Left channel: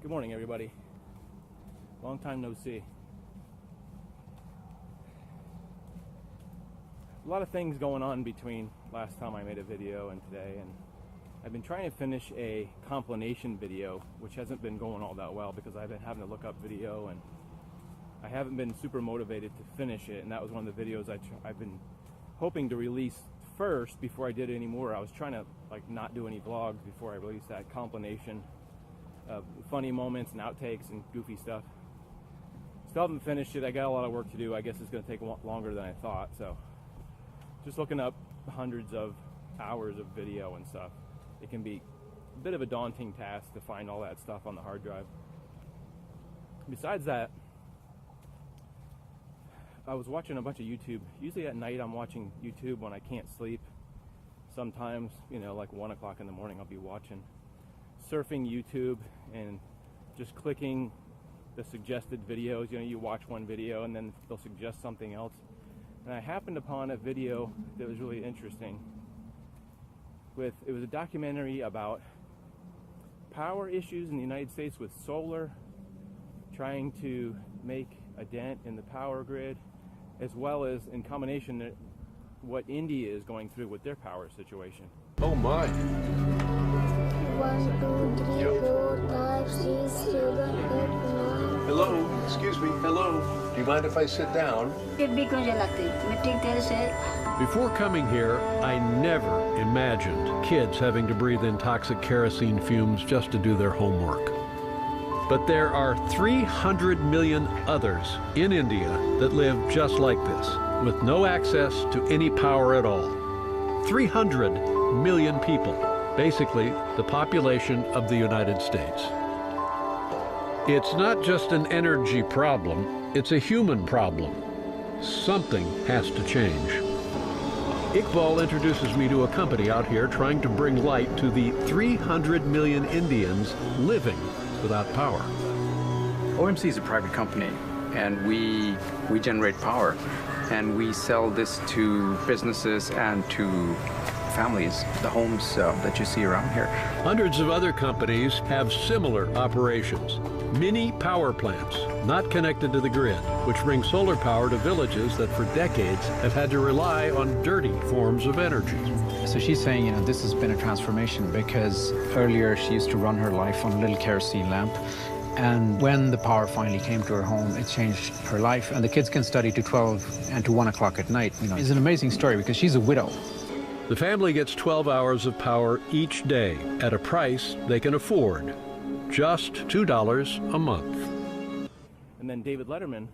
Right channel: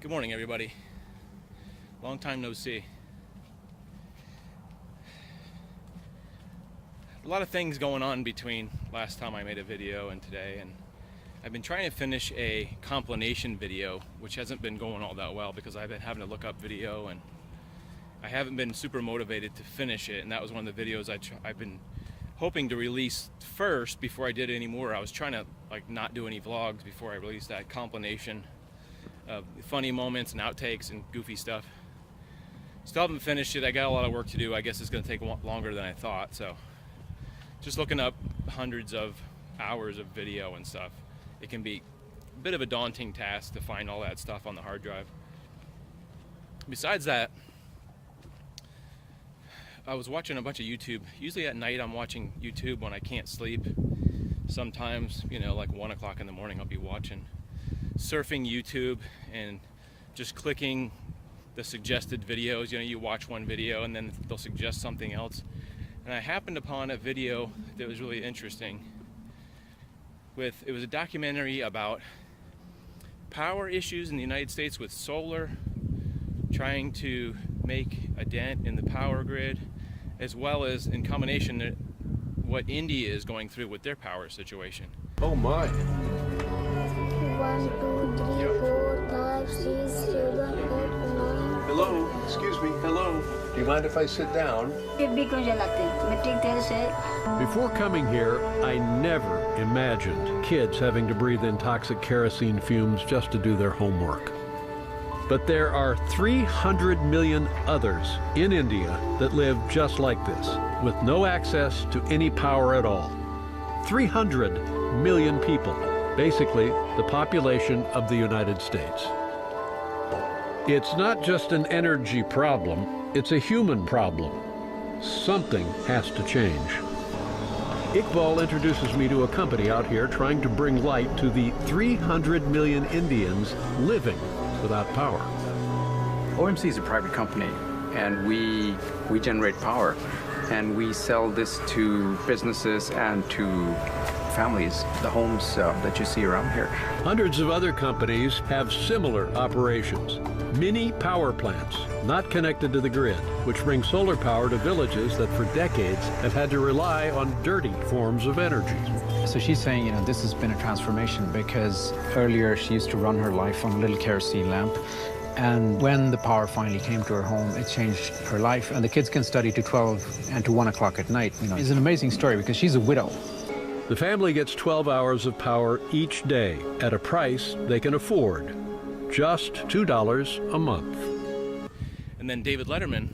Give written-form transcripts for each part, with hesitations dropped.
Good morning, everybody. Long time no see. A lot of things going on between last time I made a video and today, and I've been trying to finish a compilation video, which hasn't been going all that well because I've been having to look up video and I haven't been super motivated to finish it. And that was one of the videos I've been hoping to release first before I did any more. I was trying to not do any vlogs before I released that compilation of funny moments and outtakes and goofy stuff. Still haven't finished it. I got a lot of work to do. I guess it's going to take longer than I thought. So just looking up hundreds of hours of video and stuff, it can be a bit of a daunting task to find all that stuff on the hard drive. Besides that, I was watching a bunch of YouTube. Usually at night I'm watching YouTube when I can't sleep. Sometimes, like 1 o'clock in the morning, I'll be surfing YouTube and just clicking the suggested videos. You watch one video and then they'll suggest something else. And I happened upon a video that was really interesting. It was a documentary about power issues in the United States with solar, trying to make a dent in the power grid, as well as in combination what India is going through with their power situation. Oh my. 1, 2, 3, 4, 5, 6, 7, 8, 9. Hello, excuse me, hello. Do you mind if I sit down? Before coming here, I never imagined kids having to breathe in toxic kerosene fumes just to do their homework. But there are 300 million others in India that live just like this, with no access to any power at all. 300 million people, basically the population of the United States. It's not just an energy problem, it's a human problem. Something has to change. Iqbal introduces me to a company out here trying to bring light to the 300 million Indians living without power. OMC is a private company, and we generate power, and we sell this to businesses and to families, the homes that you see around here. Hundreds of other companies have similar operations. Mini power plants, not connected to the grid, which bring solar power to villages that for decades have had to rely on dirty forms of energy. So she's saying, this has been a transformation because earlier she used to run her life on a little kerosene lamp. And when the power finally came to her home, it changed her life. And the kids can study to 12 and to 1 o'clock at night. It's an amazing story because she's a widow. The family gets 12 hours of power each day at a price they can afford. Just $2 a month. And then David Letterman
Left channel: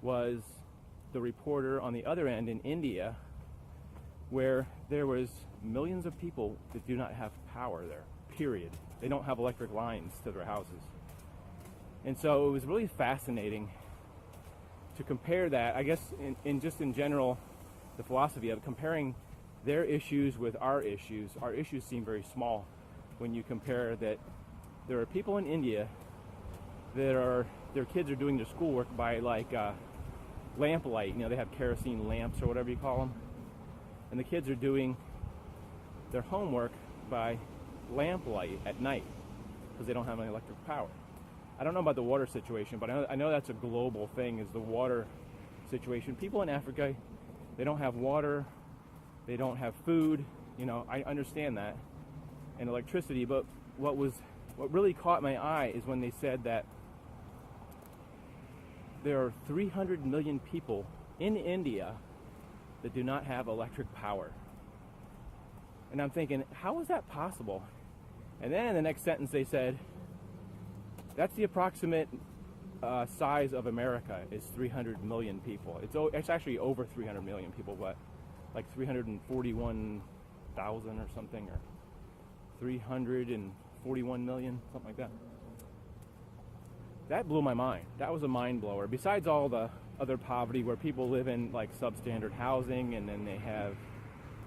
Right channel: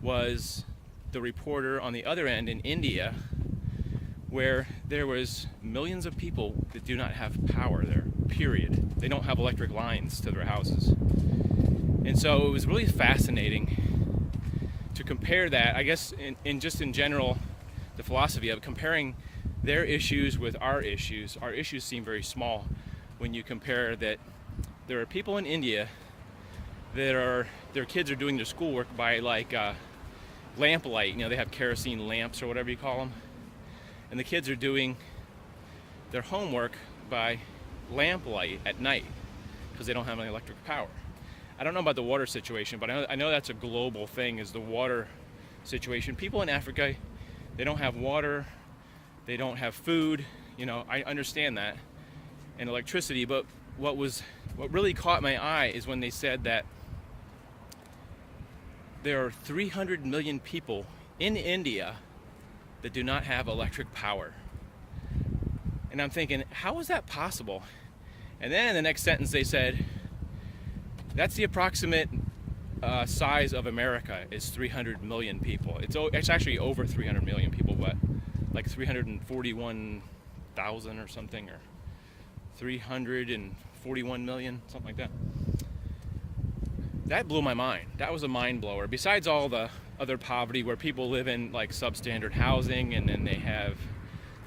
was the reporter on the other end in India, where there was millions of people that do not have power there, period. They don't have electric lines to their houses. And so it was really fascinating to compare that, I guess, in general, the philosophy of comparing their issues with our issues. Our issues seem very small when you compare that there are people in India that their kids are doing their schoolwork by lamplight. They have kerosene lamps or whatever you call them. And the kids are doing their homework by lamplight at night because they don't have any electric power. I don't know about the water situation, but I know that's a global thing, is the water situation. People in Africa, they don't have water, they don't have food. I understand that, and electricity, but what really caught my eye is when they said that there are 300 million people in India that do not have electric power. And I'm thinking, how is that possible? And then in the next sentence they said, that's the approximate size of America is 300 million people. It's actually over 300 million people, but like 341,000 or something, or 341 million, something like that. That blew my mind. That was a mind blower. Besides all the other poverty where people live in substandard housing, and then they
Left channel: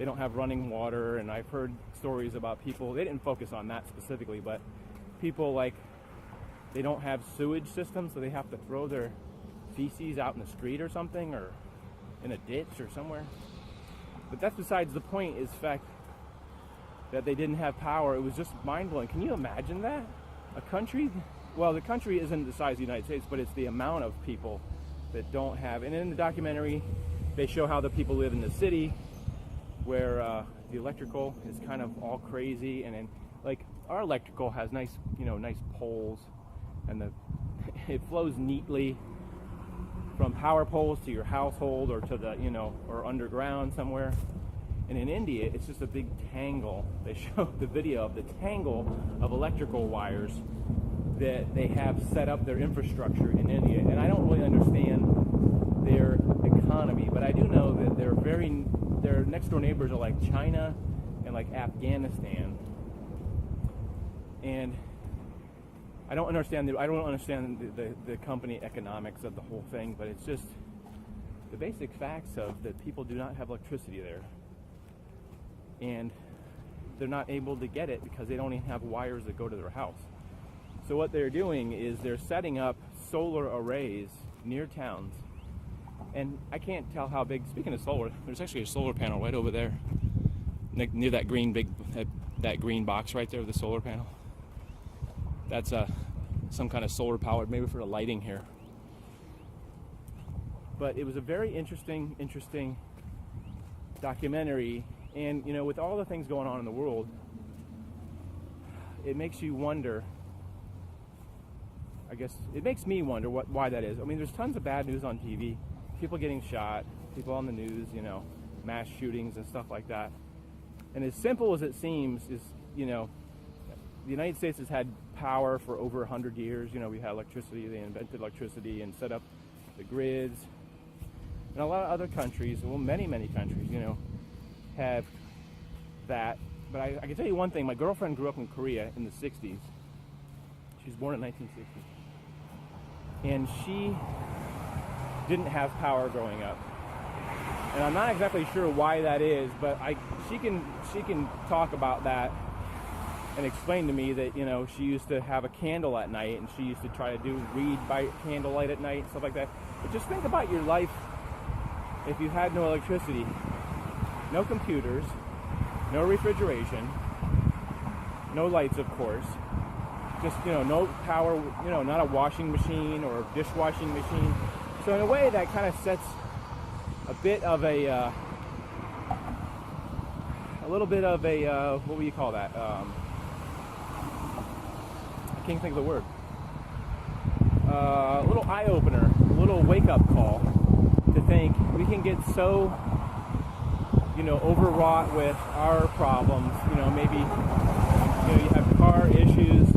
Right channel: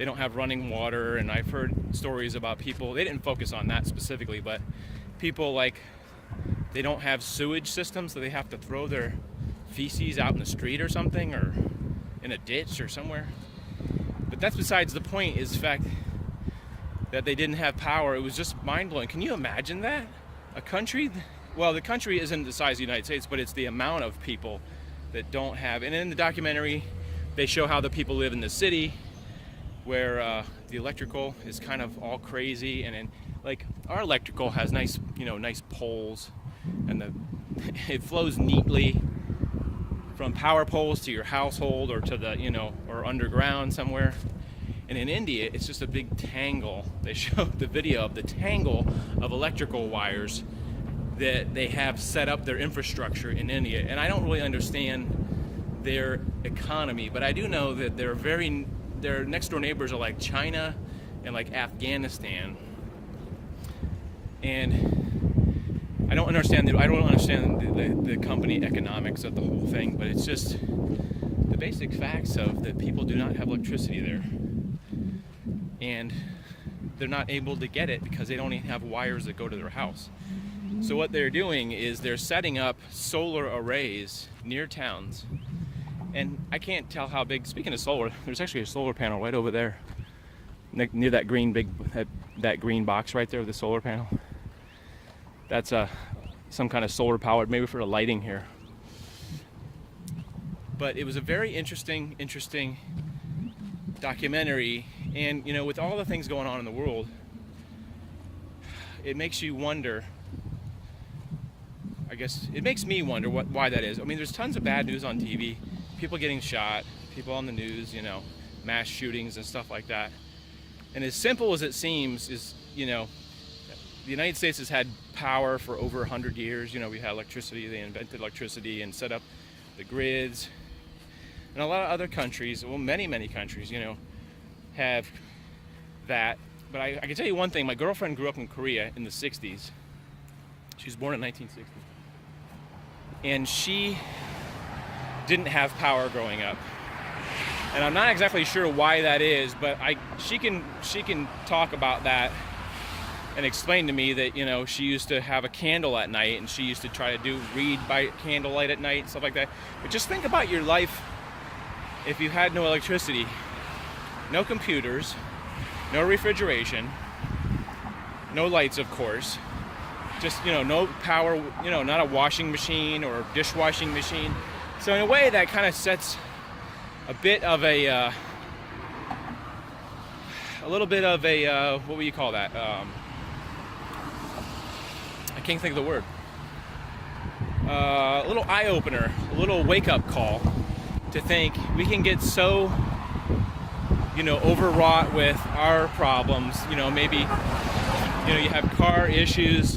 don't have running water, and I've heard stories about people, they didn't focus on that specifically, but people they don't have sewage systems, so they have to throw their feces out in the street or something, or in a ditch or somewhere. But that's besides the point, is the fact that they didn't have power. It was just mind-blowing. Can you imagine that? a country, well, the country isn't the size of the United States, but it's the amount of people that don't have. And in the documentary, they show how the people live in the city, where the electrical is kind of all crazy, and then like our electrical has nice, nice poles, and it flows neatly from power poles to your household or to the, or underground somewhere. And in India, it's just a big tangle. They show the video of the tangle of electrical wires that they have set up their infrastructure in India. And I don't really understand their economy, but I do know that their next door neighbors are like China and like Afghanistan. And I don't understand the company economics of the whole thing, but it's just the basic facts of that people do not have electricity there. And they're not able to get it because they don't even have wires that go to their house. So what they're doing is they're setting up solar arrays near towns. And I can't tell how big, speaking of solar, there's actually a solar panel right over there near that green that green box right there with the solar panel. That's some kind of solar powered, maybe for the lighting here. But it was a very interesting documentary. And with all the things going on in the world, it makes you wonder. I guess it makes me wonder why that is. I mean, there's tons of bad news on TV, people getting shot, people on the news, mass shootings and stuff like that. And as simple as it seems is, the United States has had power for over 100 years. We had electricity. They invented electricity and set up the grids. And a lot of other countries, well, many countries, have that. But I can tell you one thing. My girlfriend grew up in Korea in the 60s. She was born in 1960. And she didn't have power growing up. And I'm not exactly sure why that is, but she can talk about that and explain to me that, she used to have a candle at night, and she used to try to read by candlelight at night and stuff like that. But just think about your life if you had no electricity, no computers, no refrigeration, no lights, of course, just, no power, not a washing machine or dishwashing machine. So in a way that kind of sets a bit of a little bit of a, what would you call that? I can't think of the word. A little eye-opener, a little wake-up call to think we can get so, overwrought with our problems. Maybe, you have car issues.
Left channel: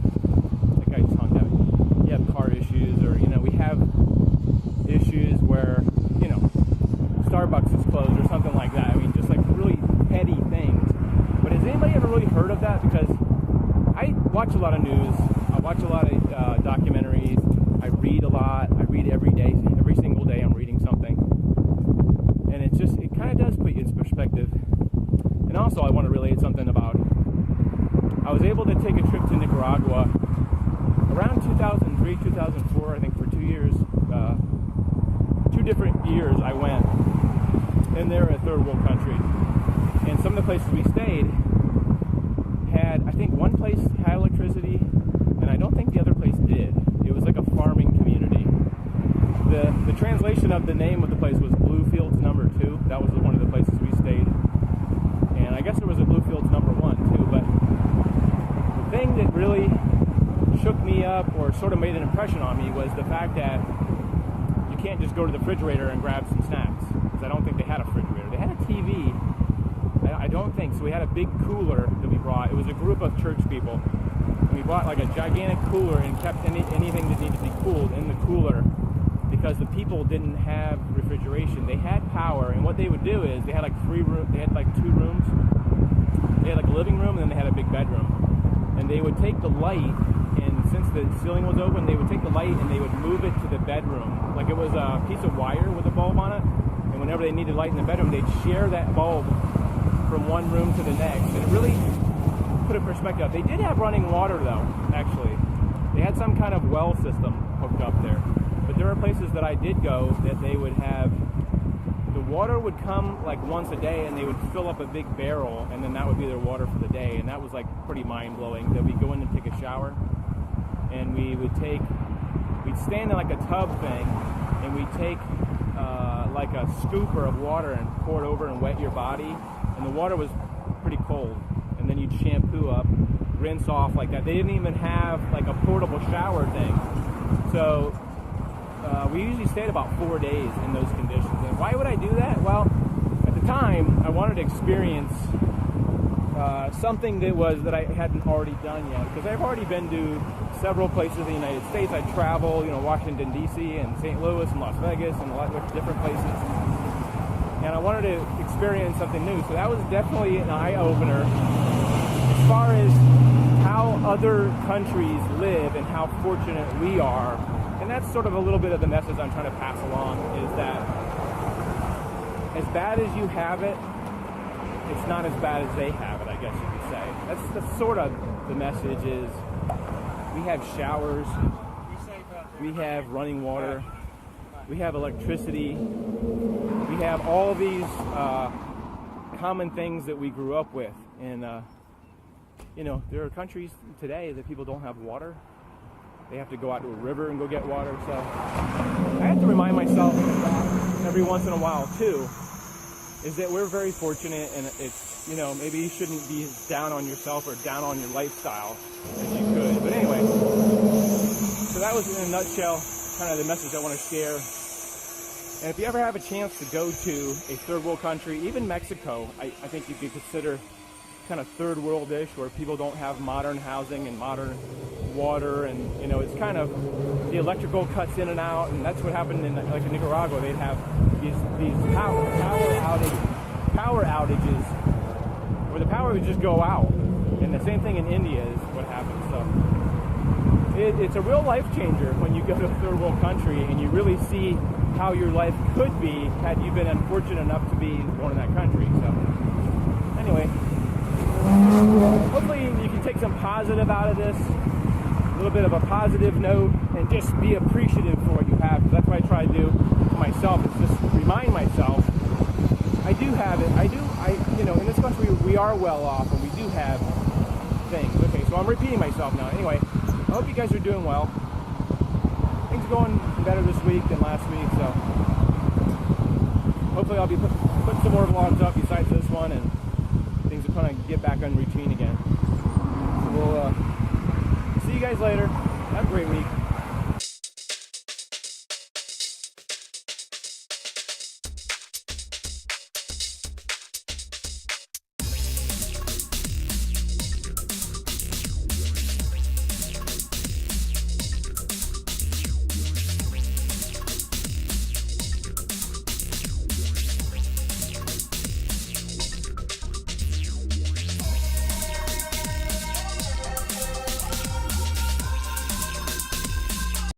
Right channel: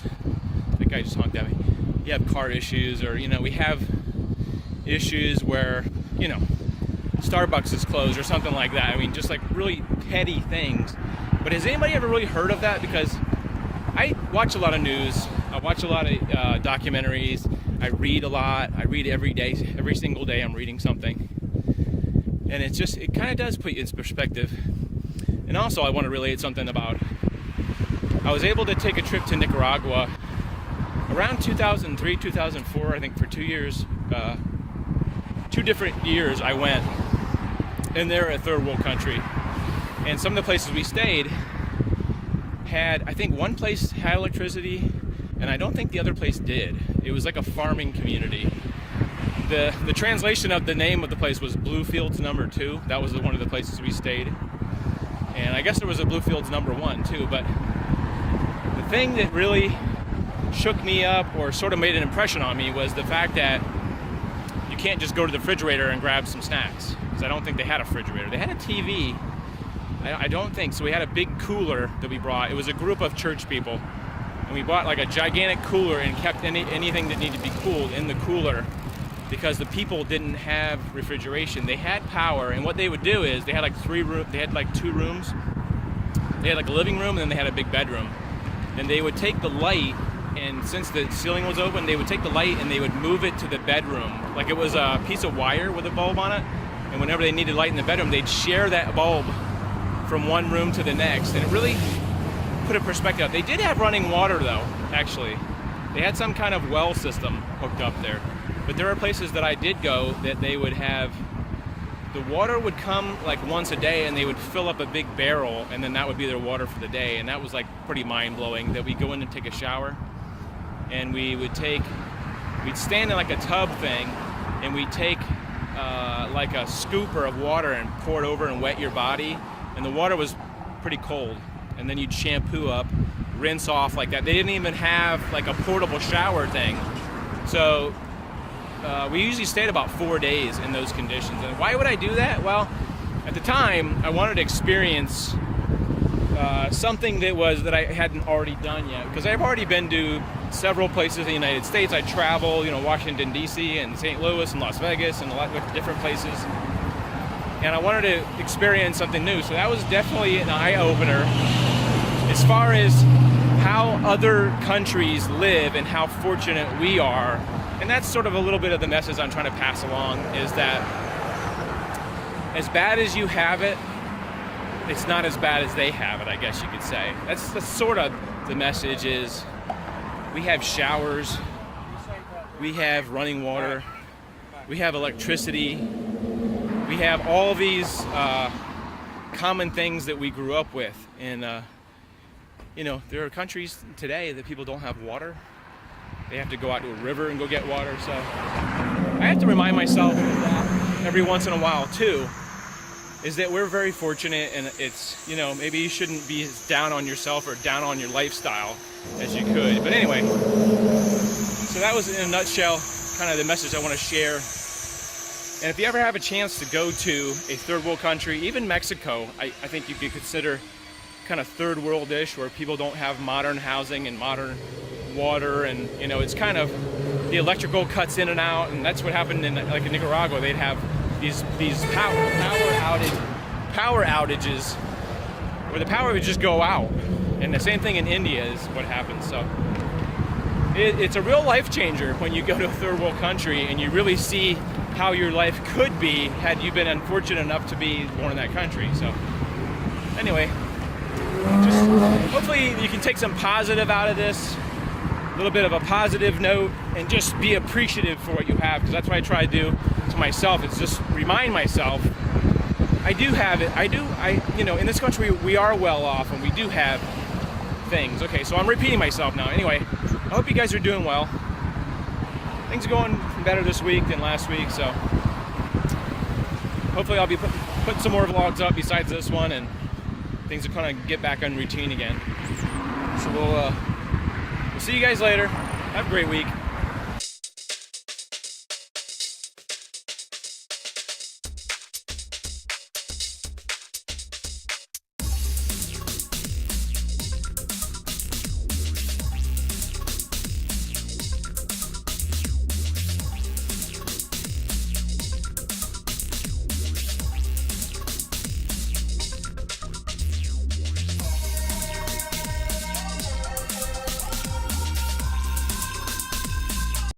The guy just honked at me. You have car issues, or, we have issues where, Starbucks is closed or something like that. I mean, just like really petty things. But has anybody ever really heard of that? Because I watch a lot of news. I watch a lot of documentaries. I read a lot. I read every day. Every single day I'm reading something. And it kind of does put you in perspective. And also I want to relate something about, I was able to take a trip to Nicaragua around 2003, 2004, I think for 2 years. 2 different years I went. And they're a third world country. And some of the places we stayed had, I think one place had electricity, and I don't think the other place did. It was like a farming community. The translation of the name of the place was Bluefields Number 2. That was one of the places we stayed. And I guess there was a Bluefields Number 1 too, but the thing that really shook me up or sort of made an impression on me was the fact that you can't just go to the refrigerator and grab some snacks, because I don't think they had a refrigerator. They had a TV. I don't think so. We had a big cooler that we brought. It was a group of church people, and we bought like a gigantic cooler and kept anything that needed to be cooled in the cooler, because the people didn't have refrigeration. They had power, and what they would do is they had like 2 rooms. They had like a living room, and then they had a big bedroom, and they would take the light, and since the ceiling was open, they would take the light and they would move it to the bedroom like it was a piece of wire with a bulb on it. And whenever they needed light in the bedroom, they'd share that bulb from one room to the next. And it really put a perspective. They did have running water though, actually. They had some kind of well system hooked up there. But there are places that I did go that they would have, the water would come like once a day, and they would fill up a big barrel, and then that would be their water for the day. And that was like pretty mind-blowing, that we go in and take a shower, and we'd stand in like a tub thing, and we'd take like a scooper of water and pour it over and wet your body, and the water was pretty cold, and then you'd shampoo up, rinse off like that. They didn't even have like a portable shower thing, so we usually stayed about 4 days in those conditions. And why would I do that? Well, at the time I wanted to experience something that I hadn't already done yet, because I've already been to several places in the United States. I travel, Washington D.C. and St. Louis and Las Vegas and a lot of different places, and I wanted to experience something new. So that was definitely an eye-opener as far as how other countries live and how fortunate we are. And that's sort of a little bit of the message I'm trying to pass along, is that as bad as you have it, it's not as bad as they have it, I guess you could say. That's sort of the message. Is we have showers, we have running water, we have electricity, we have all these common things that we grew up with. And there are countries today that people don't have water. They have to go out to a river and go get water. So I have to remind myself of that every once in a while too, is that we're very fortunate, and it's, maybe you shouldn't be as down on yourself or down on your lifestyle as you could. But anyway, so that was in a nutshell kind of the message I want to share. And if you ever have a chance to go to a third world country, even Mexico, I think you could consider kind of third world-ish, where people don't have modern housing and modern water, and it's kind of the electrical cuts in and out, and that's what happened in Nicaragua. They'd have these power outages where the power would just go out, and the same thing in India is what happens. So it's a real life changer when you go to a third world country and you really see how your life could be had you been unfortunate enough to be born in that country. So anyway, just hopefully you can take some positive out of this, a little bit of a positive note, and just be appreciative for what you have, because that's what I try to do to myself. It's just remind myself I do have it. In this country we are well off, and we do have things. Okay, so I'm repeating myself now. Anyway, I hope you guys are doing well. Things are going better this week than last week, so hopefully I'll be put some more vlogs up besides this one, and things will kind of get back on routine again. So we'll see you guys later. Have a great week.